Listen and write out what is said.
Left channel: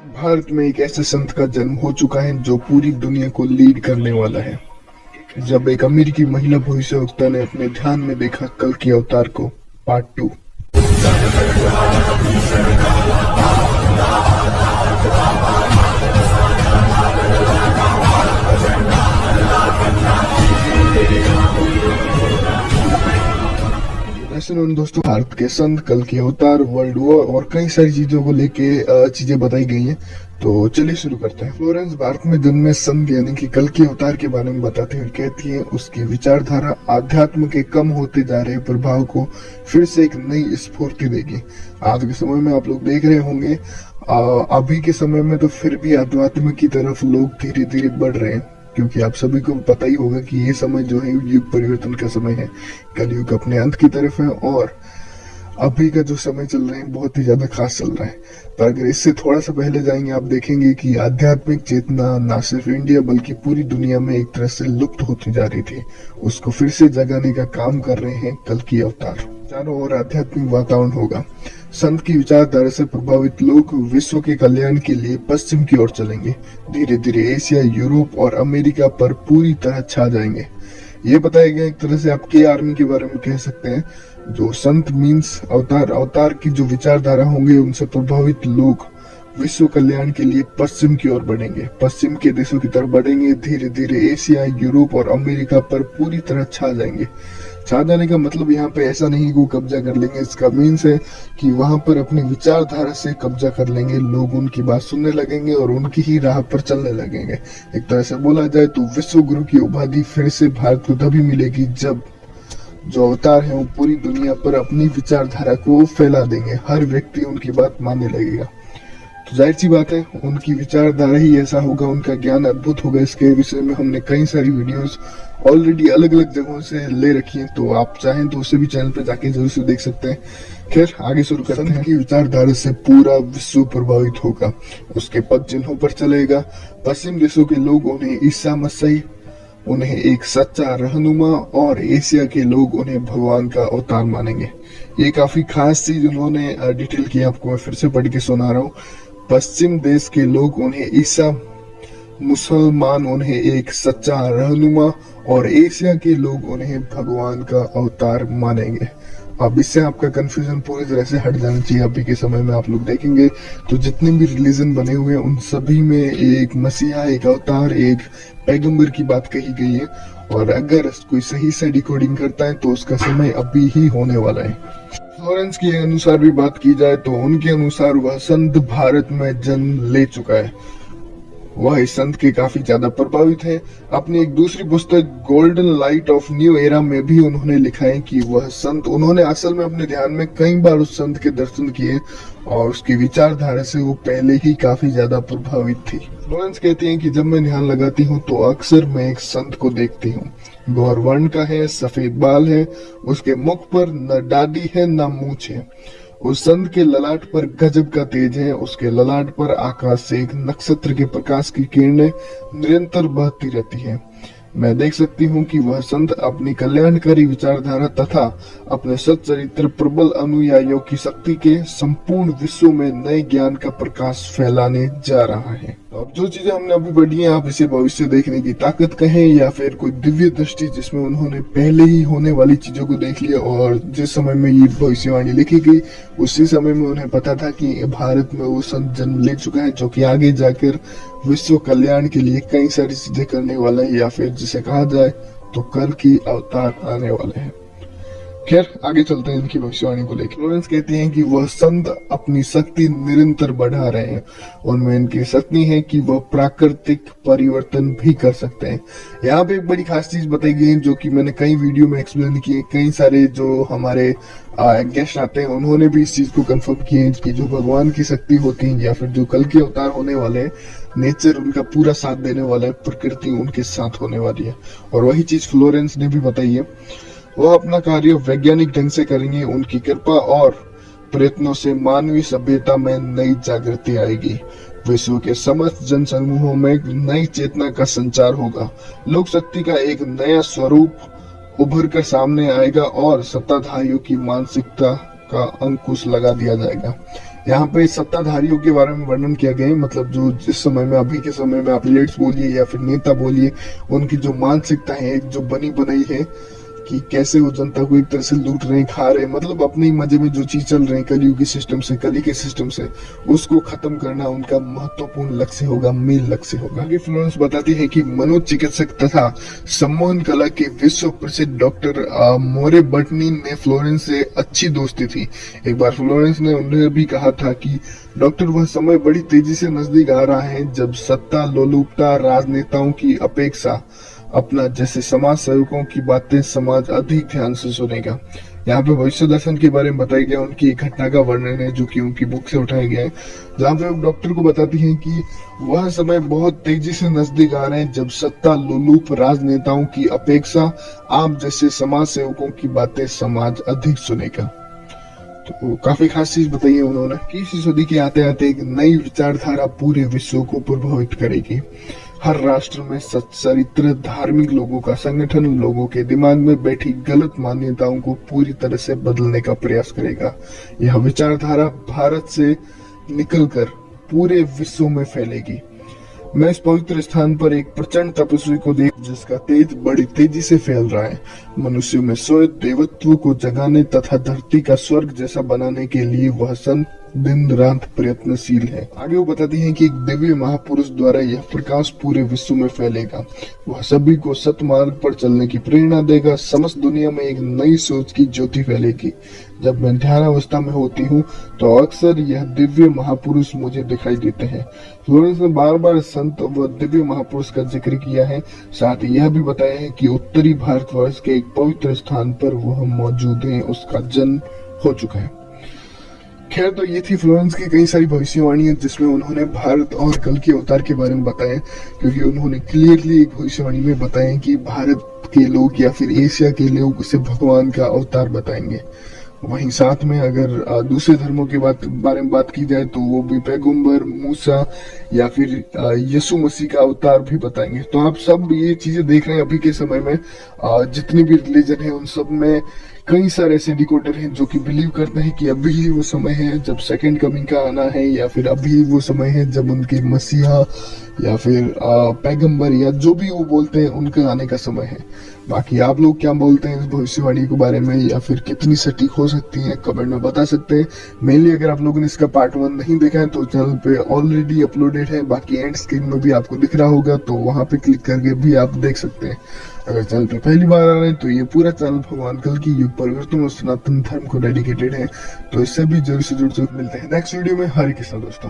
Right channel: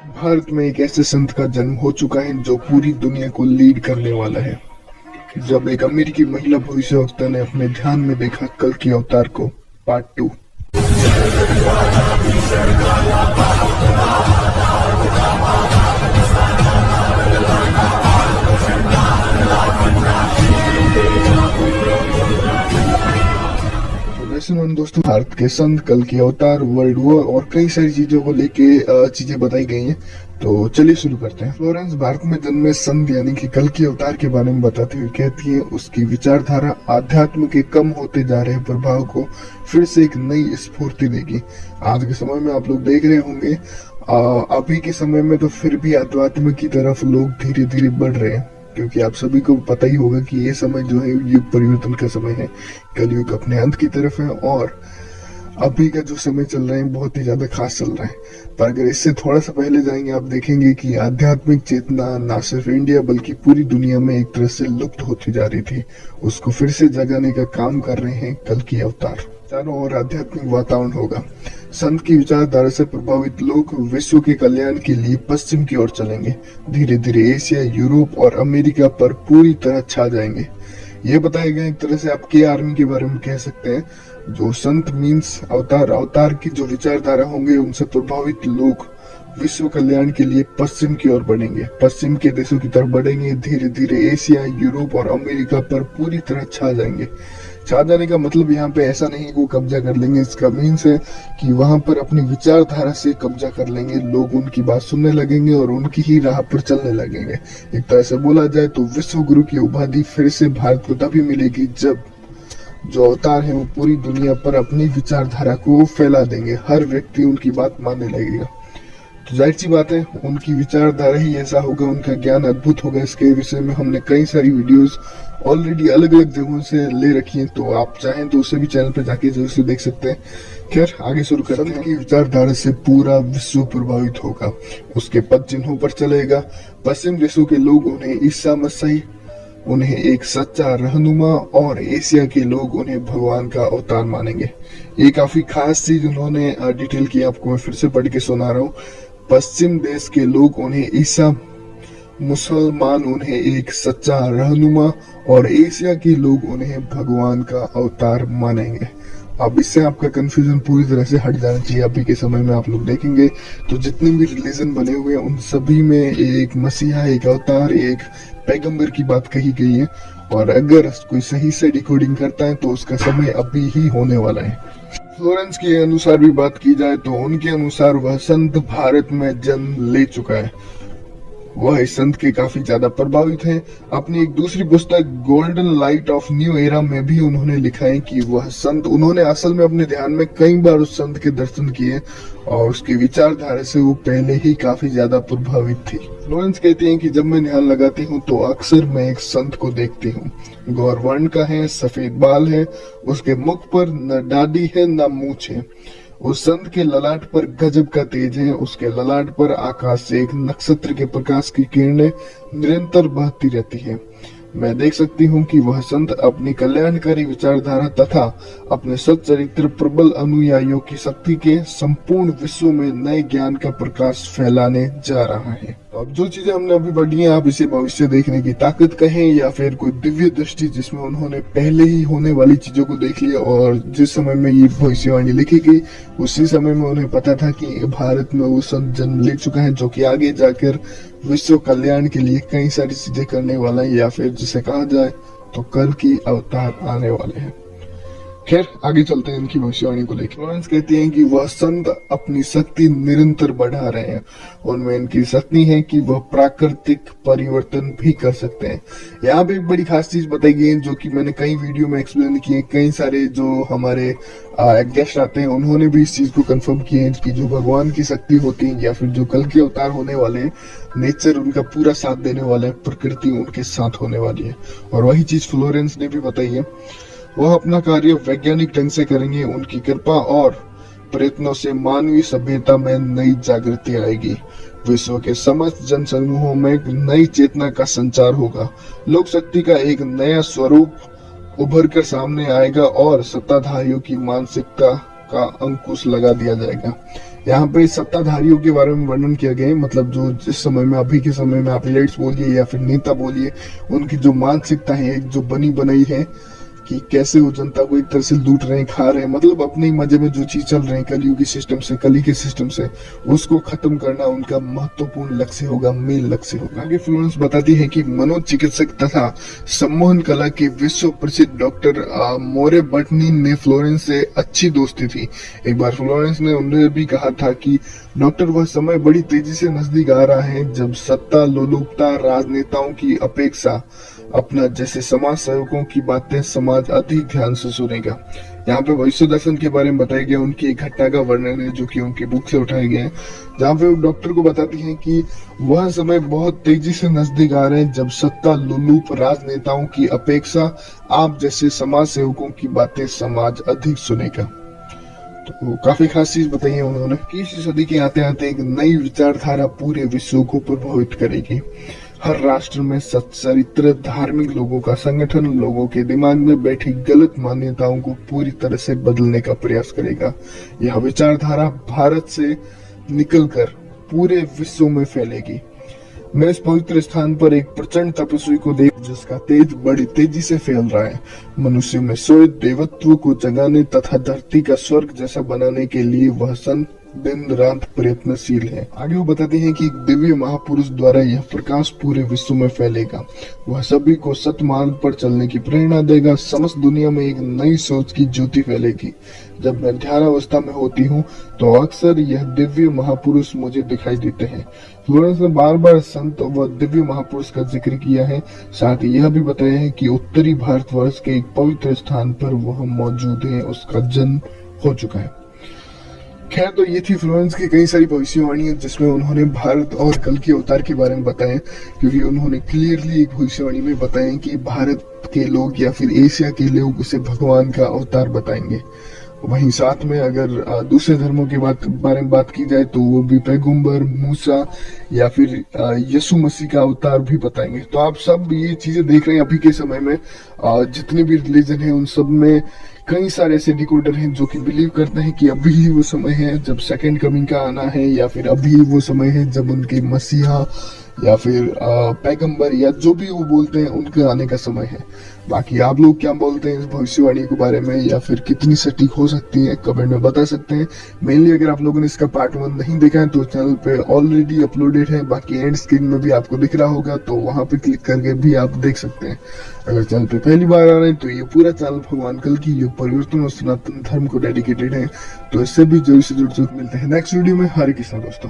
भारत में एक ऐसे संत का जन्म हो चुका है जो पूरी दुनिया को लीड करने वाला है। जब एक अमेरिकी महिला भविष्यवक्ता ने अपने ध्यान में देखा कल के अवतार को, पार्ट 2। सुनो दोस्तों, भारत के संत, कल की अवतार, वर्ल्ड वॉर और कई सारी चीजों को लेके चीजें बताई गई हैं। तो चलिए शुरू करते हैं। फ्लोरेंस भारत में जन्मे संत यानी कि कल के अवतार के बारे में बताते हुए कहती है, उसकी विचारधारा आध्यात्म के कम होते जा रहे प्रभाव को फिर से एक नई स्फूर्ति देगी। आज के समय में आप लोग देख रहे होंगे, अभी के समय में तो फिर भी आध्यात्म की तरफ लोग धीरे धीरे बढ़ रहे हैं, क्योंकि आप सभी को पता ही होगा कि ये समय जो है युग परिवर्तन का समय है। कलयुग अपने अंत की तरफ है और अभी का जो समय चल रहा है बहुत ही ज्यादा खास चल रहा है। पर अगर इससे थोड़ा सा पहले जाएंगे, आप देखेंगे कि आध्यात्मिक चेतना ना सिर्फ इंडिया बल्कि पूरी दुनिया में एक तरह से लुप्त होती जा रही थी। उसको फिर से जगाने का काम कर रहे हैं कल की अवतार। चारों ओर आध्यात्मिक वातावरण होगा। संत की विचारधारा से प्रभावित लोग विश्व के कल्याण के लिए पश्चिम की ओर चलेंगे। धीरे धीरे एशिया, यूरोप और अमेरिका पर पूरी तरह छा जाएंगे। ये बताया गया, एक तरह से आप के आर्मी के बारे में कह सकते हैं। जो संत मीन्स अवतार की जो विचारधारा होंगे, उनसे प्रभावित लोग विश्व कल्याण के लिए पश्चिम की ओर बढ़ेंगे, पश्चिम के देशों की तरफ बढ़ेंगे। धीरे धीरे एशिया, यूरोप और अमेरिका पर पूरी तरह छा जाएंगे। छा जाने का मतलब यहाँ पे ऐसा नहीं कि वो कब्जा कर लेंगे, इसका मीन्स है कि वहां पर अपनी विचारधारा से कब्जा कर लेंगे। लोग उनकी बात सुनने लगेंगे और उनकी ही राह पर चलने लगेंगे। एक तरह से बोला जाए तो विश्व गुरु की उपाधि फिर से भारत को तभी मिलेगी जब जो अवतार है वो पूरी दुनिया पर अपनी विचारधारा को फैला देंगे। हर व्यक्ति उनकी बात मानने लगेगा। तो जाहिर सी बात है, उनकी विचारधारा ही ऐसा होगा, उनका ज्ञान अद्भुत होगा। इसके विषय में हमने कई सारी वीडियोस ऑलरेडी अलग अलग जगहों से ले रखी हैं, तो आप चाहें तो उसे भी चैनल पे जाके जरूर से देख सकते हैं। खैर, आगे शुरू करते हैं। संत की विचारधारा से पूरा विश्व प्रभावित होगा, उसके पद चिन्हों पर चलेगा। पश्चिम देशों के लोग उन्हें ईसा मसीह, उन्हें एक सच्चा रहनुमा, और एशिया के लोग उन्हें भगवान का अवतार मानेंगे। ये काफी खास चीज उन्होंने डिटेल की, आपको मैं फिर से पढ़ के सुना रहा हूँ। पश्चिम देश के लोग उन्हें ईसा, मुसलमान उन्हें एक सच्चा रहनुमा और एशिया के लोग उन्हें भगवान का अवतार मानेंगे। अब इससे आपका कंफ्यूजन पूरी तरह से हट जाना चाहिए। अभी के समय में आप लोग देखेंगे तो जितने भी रिलीजन बने हुए हैं उन सभी में एक मसीहा, एक अवतार, एक पैगंबर की बात कही गई है। और अगर कोई सही से डिकोडिंग करता है तो उसका समय अभी ही होने वाला है। फ्लोरेंस के अनुसार भी बात की जाए तो उनके अनुसार वह संत भारत में जन्म ले चुका है। वह इस संत के काफी ज्यादा प्रभावित हैं। अपनी एक दूसरी पुस्तक golden light of new era में भी उन्होंने लिखा है कि वह संत, उन्होंने असल में अपने ध्यान में कई बार उस संत के दर्शन किए और उसकी विचारधारा से वो पहले ही काफी ज्यादा प्रभावित थी। फ्लोरेंस कहती हैं कि जब मैं ध्यान लगाती हूँ तो अक्सर मैं एक संत को देखती हूँ। गौर वर्ण का है, सफेद बाल है, उसके मुख पर न दाढ़ी है न मूंछ है। उस संत के ललाट पर गजब का तेज है। उसके ललाट पर आकाश से एक नक्षत्र के प्रकाश की किरणें निरंतर बहती रहती हैं। मैं देख सकती हूँ कि वह संत अपनी कल्याणकारी विचारधारा तथा अपने सच्चरित्र प्रबल अनुयायियों की शक्ति के संपूर्ण विश्व में नए ज्ञान का प्रकाश फैलाने जा रहा है। अब जो चीजें हमने अभी पढ़ी हैं, आप इसे भविष्य देखने की ताकत कहें या फिर कोई दिव्य दृष्टि, जिसमें उन्होंने पहले ही होने वाली चीजों को देख लिया और जिस समय में ये भविष्यवाणी लिखी गई उसी समय में उन्हें पता था कि भारत में वो संत जन्म ले चुका है जो कि आगे जाकर विश्व कल्याण के लिए कई सारी चीजें करने वाला है, या फिर जिसे कहा जाए तो कल की अवतार आने वाले हैं। खैर, आगे चलते हैं इनकी भविष्यवाणी को लेकर। फ्लोरेंस कहती हैं कि वह संत अपनी शक्ति निरंतर बढ़ा रहे हैं। उनमें इनकी शक्ति है कि वह प्राकृतिक परिवर्तन भी कर सकते हैं। यहाँ पे एक बड़ी खास चीज बताई गई है जो कि मैंने कई वीडियो में एक्सप्लेन की है। कई सारे जो हमारे गेस्ट आते हैं उन्होंने भी इस चीज को कंफर्म किया है कि जो भगवान की शक्ति होती है या फिर जो कल के अवतार होने वाले, नेचर उनका पूरा साथ देने वाला है, प्रकृति उनके साथ होने वाली है। और वही चीज फ्लोरेंस ने भी बताई है। वह अपना कार्य वैज्ञानिक ढंग से करेंगे। उनकी कृपा और प्रयत्नों से मानवीय सभ्यता में नई जागृति आएगी। विश्व के समस्त जनसमूहों में नई चेतना का संचार होगा। लोक शक्ति का एक नया स्वरूप उभर कर सामने आएगा और सत्ताधारियों की मानसिकता का अंकुश लगा दिया जाएगा। यहाँ पे सत्ताधारियों के बारे में वर्णन किया गया है, मतलब जो जिस समय में, अभी के समय में आप लीडर्स बोलिए या फिर नेता बोलिए, उनकी जो मानसिकता है, जो बनी बनाई है कि कैसे वो जनता को एक तरह से लूट रहे हैं, खा रहे हैं, मतलब अपने ही मजे में जो चीज चल रही है कलयुगी सिस्टम से, कली के सिस्टम से, उसको खत्म करना उनका महत्वपूर्ण लक्ष्य होगा, मेन लक्ष्य होगा। आगे फ्लोरेंस बताती है कि मनोचिकित्सक तथा सम्मोहन कला के विश्व प्रसिद्ध डॉक्टर मोरे बटनी ने फ्लोरेंस से अच्छी दोस्ती थी। एक बार फ्लोरेंस ने उन्हें भी कहा था कि डॉक्टर, वह समय बड़ी तेजी से नजदीक आ रहा है जब सत्ता लोलुपता राजनेताओं की अपेक्षा अपना जैसे समाज सेवकों की बातें समाज अधिक ध्यान से सुनेगा। यहाँ पे भविष्य दर्शन के बारे में बताया गया, उनकी एक घटना का वर्णन है जो कि उनकी बुक से उठाया गया है, जहाँ पे वो डॉक्टर को बताती हैं कि वह समय बहुत तेजी से नजदीक आ रहे हैं जब सत्ता लोलुप राजनेताओं की अपेक्षा आप जैसे समाज सेवकों की बातें समाज अधिक सुनेगा। तो काफी खास चीज बताई है उन्होंने कि इस सदी के आते आते एक नई विचारधारा पूरे विश्व को प्रभावित करेगी। हर राष्ट्र में सच्चरित्र धार्मिक लोगों का संगठन लोगों के दिमाग में बैठी गलत मान्यताओं को पूरी तरह से बदलने का प्रयास करेगा। यह विचारधारा भारत से निकलकर पूरे विश्व में फैलेगी। मैं इस पवित्र स्थान पर एक प्रचंड तपस्वी को देख जिसका तेज बड़ी तेजी से फैल रहा है। मनुष्य में स्वयं देवत्व को जगाने तथा धरती का स्वर्ग जैसा बनाने के लिए वह संत दिन रात प्रयत्नशील है। आगे वो बताती है कि एक दिव्य महापुरुष द्वारा यह प्रकाश पूरे विश्व में फैलेगा। वह सभी को सतमार्ग पर चलने की प्रेरणा देगा। समस्त दुनिया में एक नई सोच की ज्योति फैलेगी। जब मैं ध्यानावस्था में होती हूँ तो अक्सर यह दिव्य महापुरुष मुझे दिखाई देते हैं। फ्लोरेंस ने बार बार संत व दिव्य महापुरुष का जिक्र किया है। साथ ही यह भी बताया है कि उत्तरी भारतवर्ष के एक पवित्र स्थान पर वह मौजूद है, उसका जन्म हो चुका है। खैर, तो ये थी फ्लोरेंस की कई सारी भविष्यवाणियां जिसमें उन्होंने भारत और कल के अवतार के बारे में बताया, क्योंकि उन्होंने क्लियरली एक भविष्यवाणी में बताया कि भारत के लोग या फिर एशिया के लोग उसे भगवान का अवतार बताएंगे। वहीं साथ में अगर दूसरे धर्मों के बारे में बात की जाए तो वो भी पैगंबर मूसा या फिर यीशु मसीह का अवतार भी बताएंगे। तो आप सब ये चीजें देख रहे हैं अभी के समय में जितने भी रिलीजन है उन सब में कई सारे ऐसे डिकोडर हैं जो कि बिलीव करते हैं कि अभी ही वो समय है जब सेकंड कमिंग का आना है, या फिर अभी वो समय है जब उनके मसीहा या फिर पैगंबर या जो भी वो बोलते हैं उनके आने का समय है। बाकी आप लोग क्या बोलते हैं इस भविष्यवाणी के बारे में, या फिर कितनी सटीक हो सकती है, कमेंट में बता सकते हैं। मेनली अगर आप लोगों ने इसका पार्ट 1 नहीं देखा है तो चैनल पे ऑलरेडी अपलोडेड है। बाकी एंड स्क्रीन में भी आपको दिख रहा होगा, तो वहां पे क्लिक करके भी आप देख सकते हैं। अगर चैनल पे पहली बार आ रहे हैं तो ये पूरा चैनल भगवान कल की युग परिवर्तन और सनातन धर्म को डेडिकेटेड है। तो इससे भी जरूर से जुड़ मिलते हैं नेक्स्ट वीडियो में। हरे कृष्णा दोस्तों।